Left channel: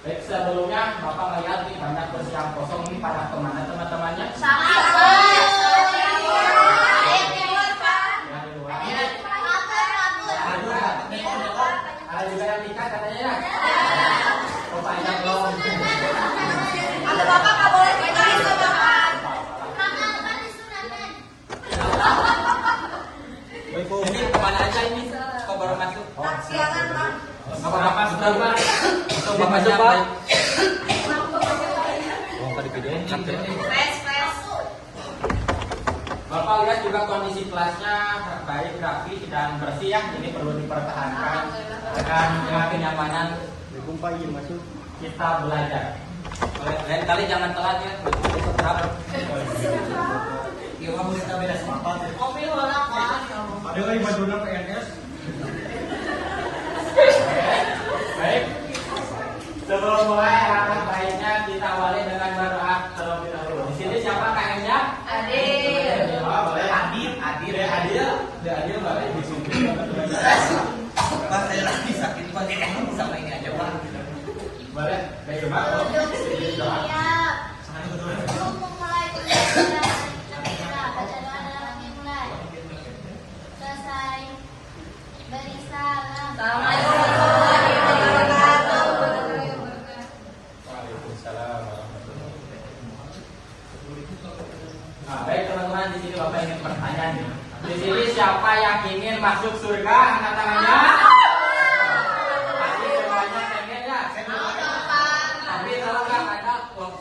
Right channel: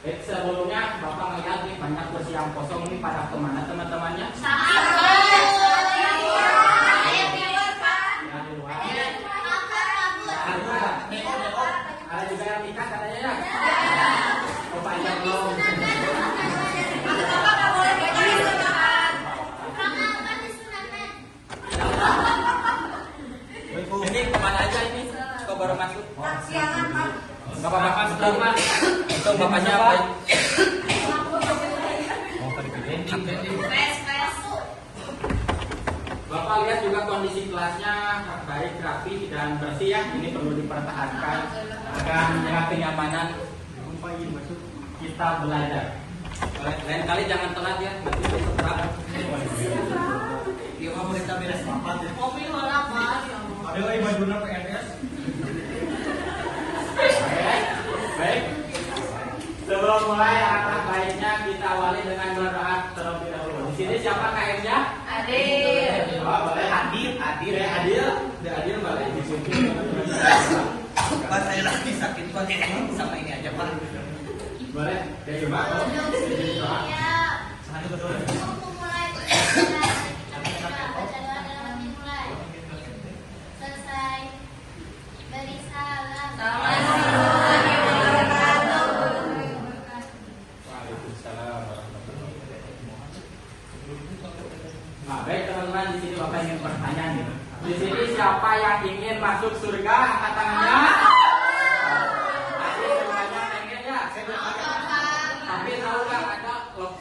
Baik, sebelumnya Bapak melihat nih banyak kursi yang kosong nih, para kemana teman-temannya? Ada juga yang kita katanya ya? Bapak lihat dong. Bapak nggak boleh bicara sama Ini kemana aja ini? Kok baru masuk? siangan Pak. Bapak sudah bukan? Itu Bapak siapa? Bapak lihat juga kondisi kelasnya baik, rapi dan bersih ya. Ini perlu dipertahankan dan dengan kenyamanan kita belajar. Lain kali jangan telat ya. Besok berapa? Iya, kamu bisa beres apa? Mobil malah Pak. Ada kayak Madura PNS. Baik. Sebelum mulai langkah baiknya kita awali dengan berdoa terlebih dahulu. Di sini siapa KM-nya? Adil. Oh, boleh Adil. Adil boleh disumpah. Pas saya lagi sakit pakai kamu sama ini aja Pak. Boleh. Dari Mbak. Doa. Nah, baik teman-teman, di sini Bapak ingin bertanya nih. Di sini siapa yang ingin masuk surga? Angkat tangannya. Pasti semuanya pengen ya. Tapi kalau nggak ada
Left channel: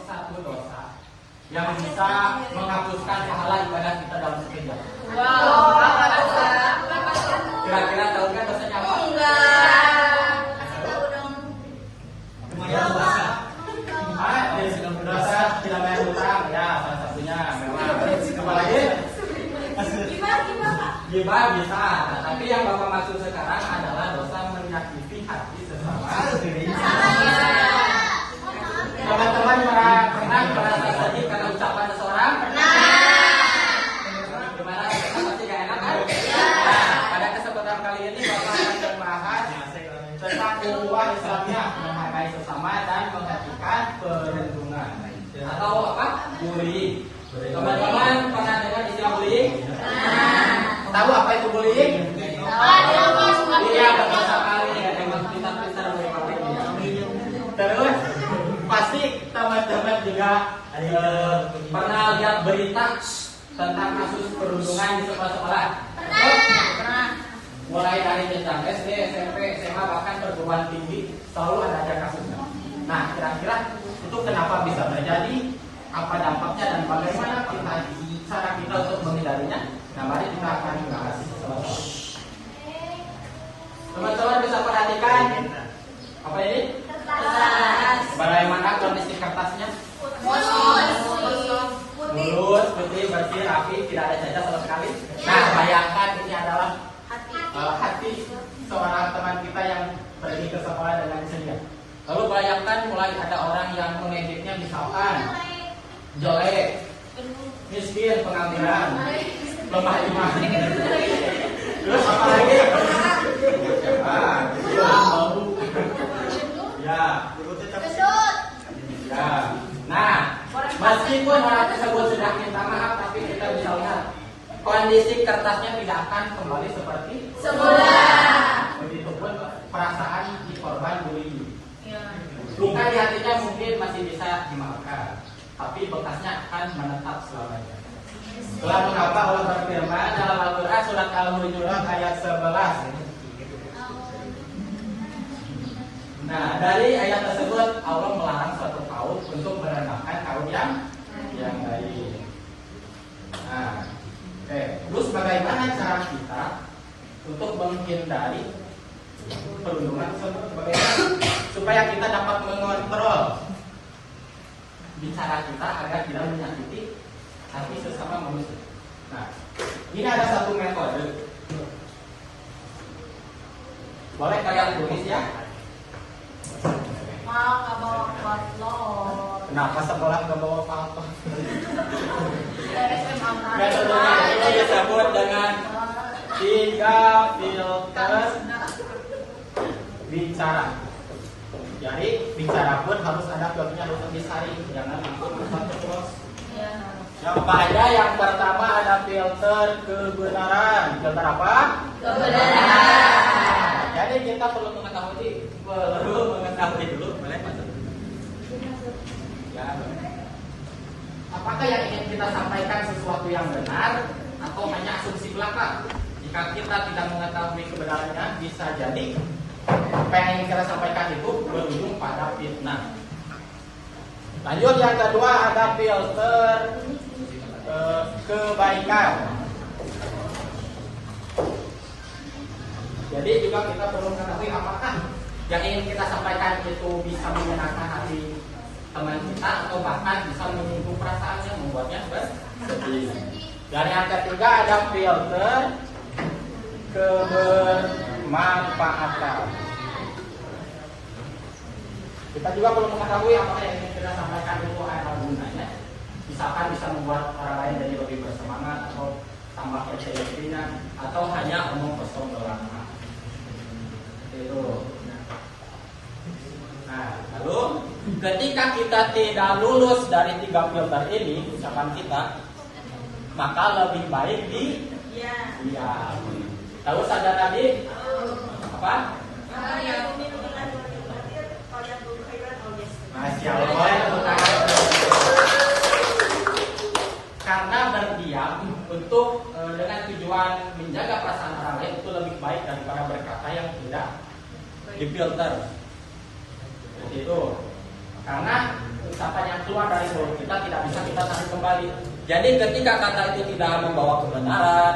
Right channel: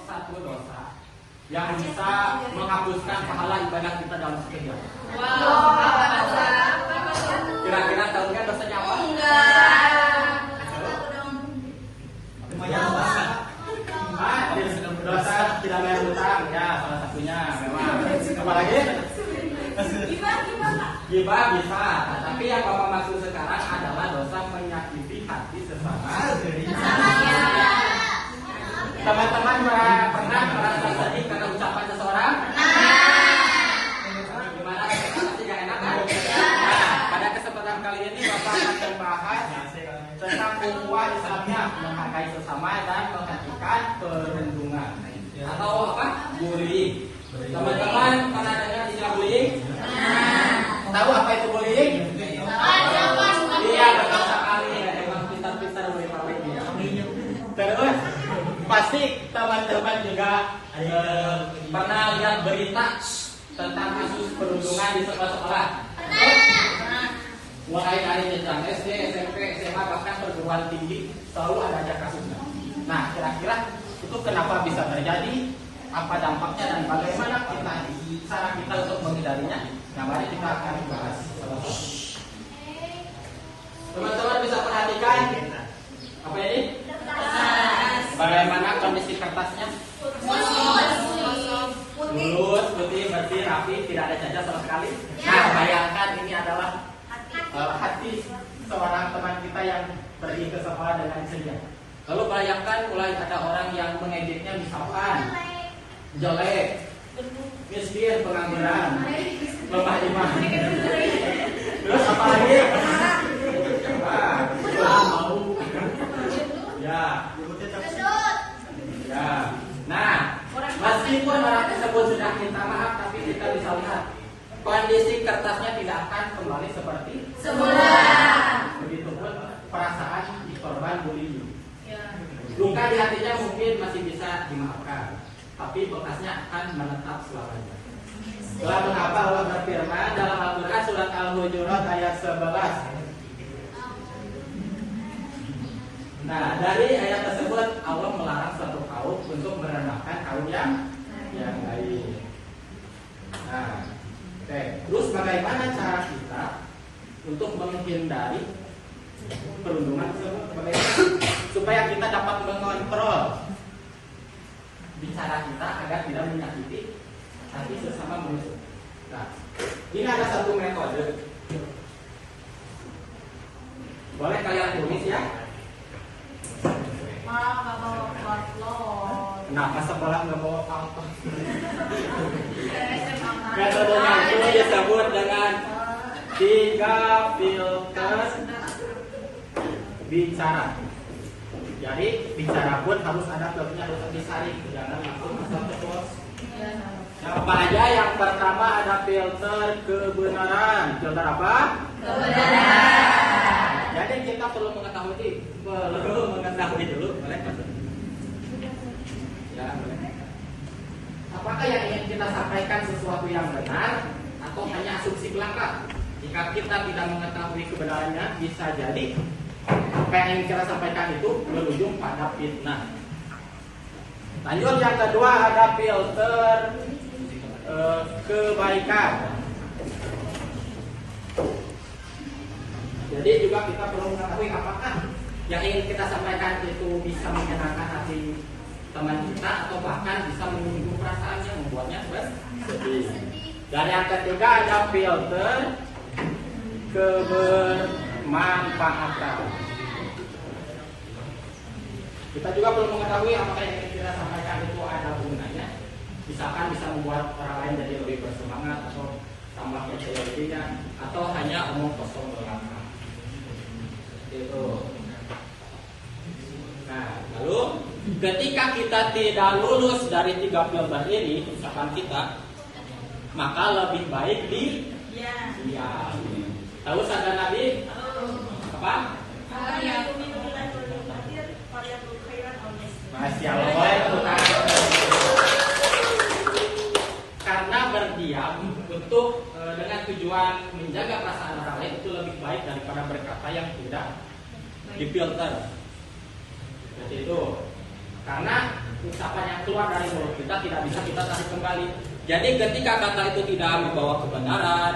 satu dosa yang bisa menghapuskan pahala ibadah kita dalam sekejap. Kira-kira tahu nggak dosanya apa? Dosa tidak bayar utang ya, salah satunya. Lagi gibah bisa, tapi yang Bapak maksud sekarang adalah dosa menyakiti hati sesama. Teman-teman pernah merasa sedih karena ucapan seseorang? Gimana? Pasti gak enak kan? Nah, pada kesempatan kali ini Bapak akan membahas tentang ukhuwah Islamnya, menghargai sesama dan menghentikan perundungan atau apa? Bullying. Teman-teman pernah dengar istilah bullying? Tahu apa itu bullying? Iya, benar sekali. Memang kita bullying. Terus pasti teman-teman juga pernah lihat berita tentang kasus perundungan di sekolah-sekolah. Mulai dari SD, SMP, SMA, bahkan perguruan tinggi selalu ada kasusnya. Nah, kira-kira itu kenapa bisa terjadi? Apa dampaknya dan bagaimana cara kita untuk menghindarinya? Nah, mari kita akan bahas sama-sama. Teman-teman bisa perhatikan apa ini? Bagaimana kondisi kertasnya? Mulus, putih, bersih, rapi, tidak ada cacat sama sekali. Nah, bayangkan ini adalah hati seorang teman kita yang pergi ke sekolah dengan ceria. Lalu bayangkan mulai ada orang yang mengeditnya misalkan jelek, miskin, pengangguran, lemah iman. Terus apa lagi? Ya. Nah, meskipun orang tersebut sudah minta maaf, tapi kita bisa lihat kondisi kertasnya tidak akan kembali seperti semula. Begitupun perasaan di korban bullying. Luka di hatinya mungkin masih bisa dimaafkan, tapi bekasnya akan menetap selamanya. Itulah mengapa Allah berfirman dalam Al-Quran surat Al-Hujurat ayat 11. Nah, dari ayat tersebut Allah melarang suatu kaum untuk merendahkan kaum yang lain. Nah, oke. Terus bagaimana cara kita untuk menghindari perundungan tersebut? Bagaimana supaya kita dapat mengontrol bicara kita agar tidak menyakiti hati sesama manusia. Nah, ini ada satu metode. Boleh kalian tulis ya? Pak, nggak bawa paslon. Kenapa sekolah nggak bawa apa-apa? Metodenya ini disebut dengan 3 filter bicara. Jadi bicara pun harus ada filternya, harus disaring, jangan ikut terus. Yang apa aja? Yang pertama ada filter kebenaran. Filter apa? Kebenaran. Jadi kita perlu mengetahui dulu, boleh Mas? Ya. Apakah yang ingin kita sampaikan sesuatu yang benar atau hanya asumsi belaka? Jika kita tidak mengetahui kebenarannya, bisa jadi apa yang ingin kita sampaikan itu berujung pada fitnah. Lanjut yang kedua ada filter kebaikan. Jadi juga kita perlu mengetahui apakah yang ingin kita sampaikan itu bisa menyenangkan hati teman kita atau bahkan bisa menyinggung perasaannya, membuatnya bersedih. Dan yang ketiga ada filter kebermanfaatan. Kita juga perlu mengetahui apakah yang ingin kita sampaikan itu ada gunanya. Misalkan bisa membuat orang lain jadi lebih bersemangat atau tambah percaya dirinya, atau hanya omong kosong belaka. Itu. Nah, lalu ketika kita tidak lulus dari 3 filter ini, ucapan kita, maka lebih baik diam. Tahu sabda Nabi apa? Masya Allah, karena berdiam untuk dengan tujuan menjaga perasaan orang lain itu lebih baik daripada berkata yang tidak difilter. Jadi itu karena ucapan yang keluar dari mulut kita tidak bisa kita tarik kembali. Jadi ketika kata itu tidak membawa kebenaran,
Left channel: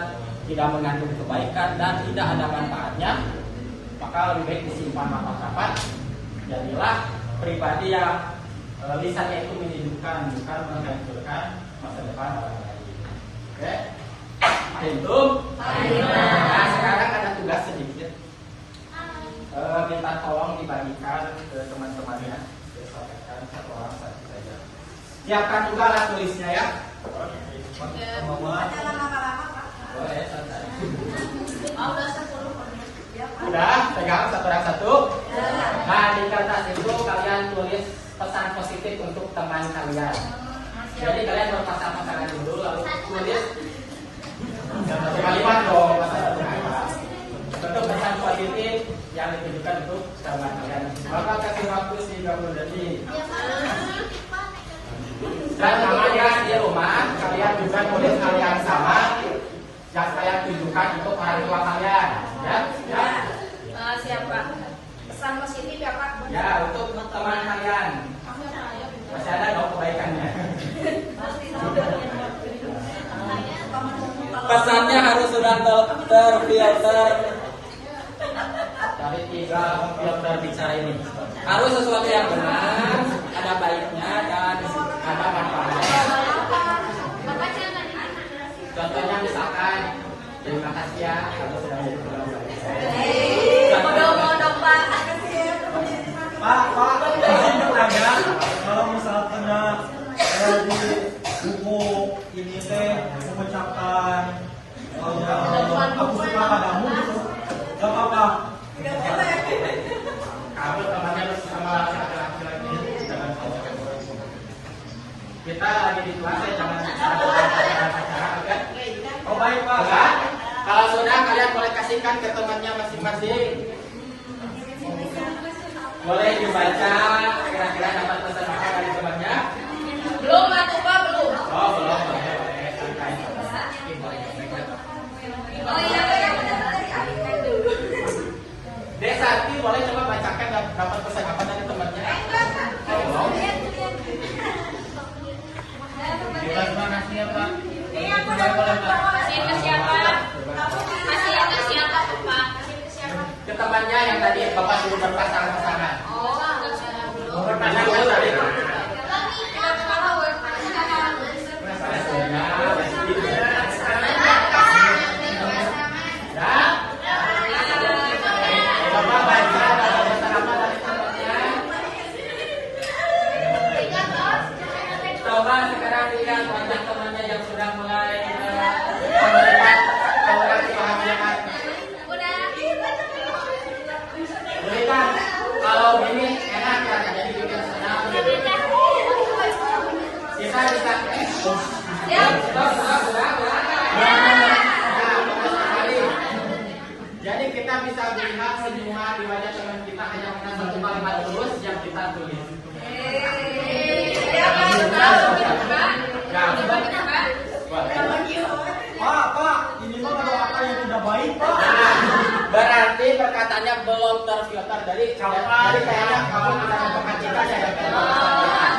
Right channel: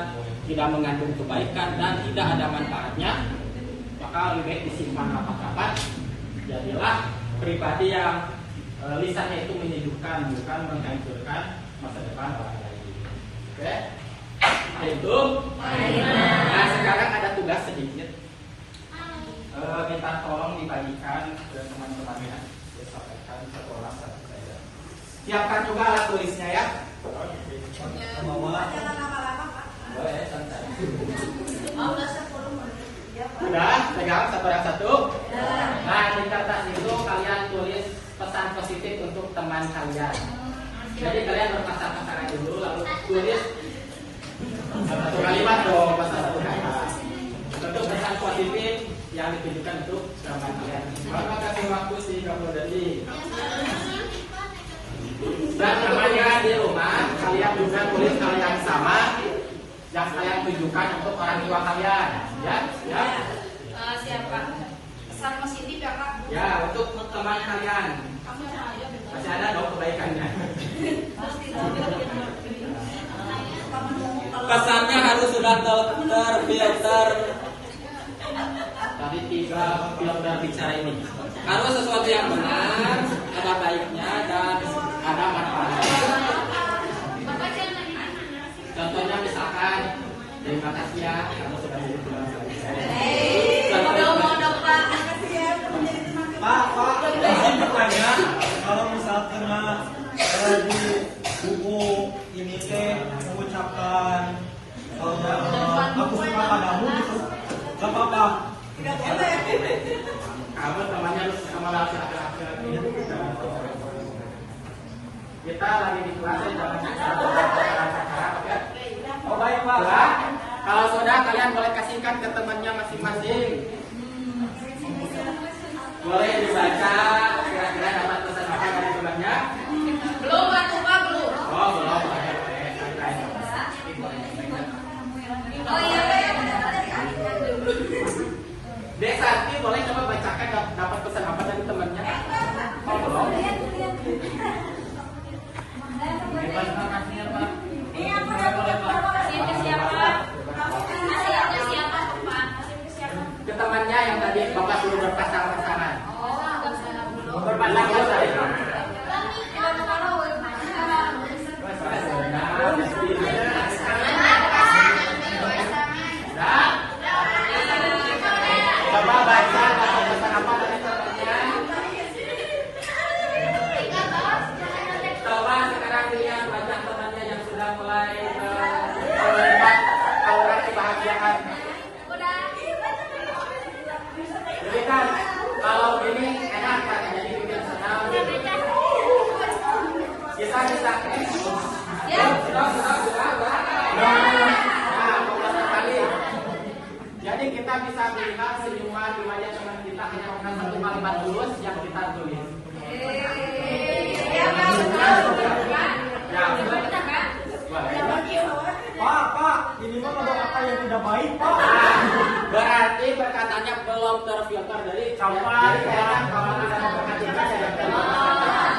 tidak mengandung kebaikan dan tidak ada manfaatnya, maka lebih baik disimpan rapat-rapat. Jadilah pribadi yang lisannya itu menyejukkan, bukan menghancurkan masa depan orang lain. Oke? Itu. Nah, sekarang ada tugas sedikit. Minta tolong dibagikan ke teman-temannya. Saya sampaikan satu orang satu saja. Siapkan juga alat tulisnya ya. Boleh, santai. Udah, pegang satu. Nah, di kertas itu kalian tulis pesan positif untuk teman kalian. Jadi kalian berpasangan dulu, lalu tulis satu kalimat dong, satu kata. Untuk pesan positif yang ditujukan untuk teman kalian. Maka kasih waktu 30 detik. Dan teman-teman di rumah, kalian juga tulis hal yang sama yang kalian tujukan untuk orang tua kalian, ya? Siapa? Pesan positif ya Pak? Ya, untuk teman kalian. Masih ada dong kebaikannya. Pesannya harus sudah terfilter dari 3 filter bicara ini. Harus sesuatu yang benar, ada baiknya dan ada manfaatnya. Contohnya misalkan, terima kasih ya, kalau sudah jadi teman baik. Modal Pak. Pak, izin bertanya, kalau misalkan di buku ini teh mengucapkan aku suka padamu gitu, gak apa-apa. Kamu temannya harus sama laki-laki lagi. Kita lagi di kelas, jangan oke? Oh baik Pak. Sudah? Kalau sudah kalian boleh kasihkan ke temannya masing-masing. Boleh dibaca kira-kira dapat pesan apa dari temannya? Belum atuh Pak, belum. Oh belum, boleh. Oh iya. Desati boleh coba bacakan dapat pesan apa dari temannya? Makasih ya Pak. Kasih ke siapa? Kasih ke siapa Pak? Ke temannya yang tadi Bapak suruh berpasangan-pasangan. Oh, kita tulis. Pak, ini mah mendoakan yang tidak baik, Pak. Berarti perkataannya belum terfilter. Jadi kayaknya kalau kita katakan kita ya dapat sampaikan.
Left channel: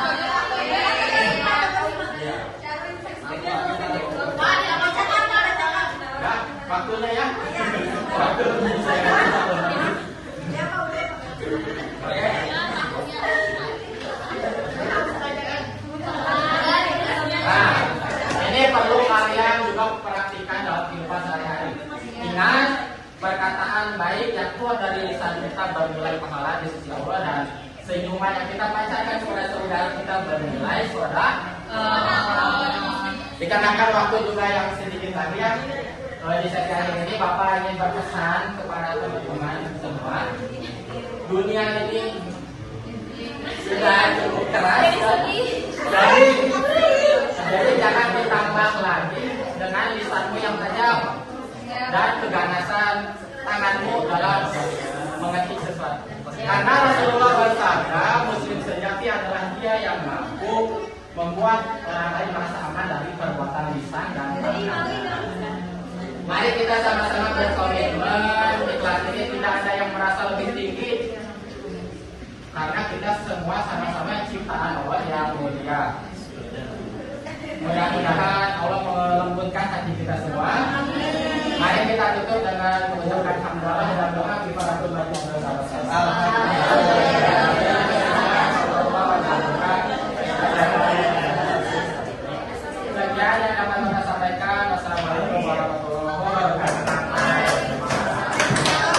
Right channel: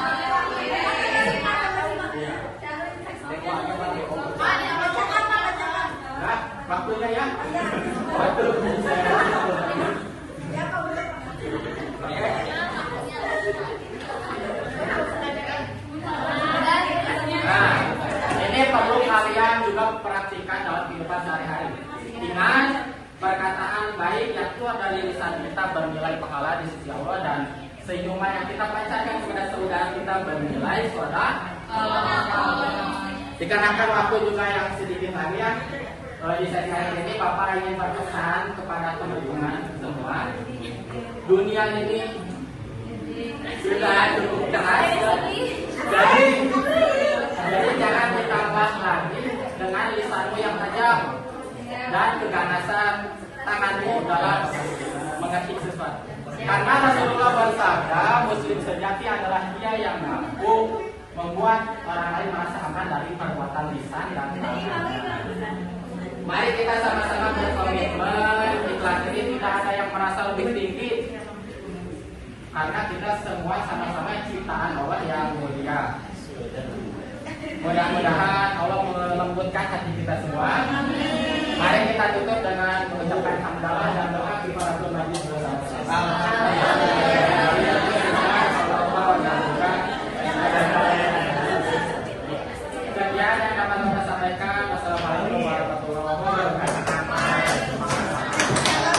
Ya, waktunya ya. Waktunya saya. Nah, ini perlu kalian juga perhatikan dalam kehidupan sehari-hari. Ingat, perkataan baik yang keluar dari lisan kita bernilai pahala di sisi Allah, dan senyuman yang kita pancarkan kepada saudara kita bernilai sedekah. Dikarenakan waktu juga yang sedikit lagi ya, di sesi hari ini Bapak ingin berpesan kepada teman-teman semua. Dunia ini sudah cukup keras, jadi jangan ditambah lagi dengan lisanmu yang tajam dan keganasan tanganmu dalam mengetik sesuatu. Karena Rasulullah bersabda, Muslim sejati adalah dia yang mampu membuat orang lain merasa aman dari perbuatan lisan dan tangan. Mari kita sama-sama berkomitmen di kelas ini tidak ada yang merasa lebih tinggi, karena kita semua sama-sama ciptaan Allah yang mulia. Mudah-mudahan Allah melembutkan hati kita semua. Mari kita tutup dengan mengucapkan hamdalah dan doa kepada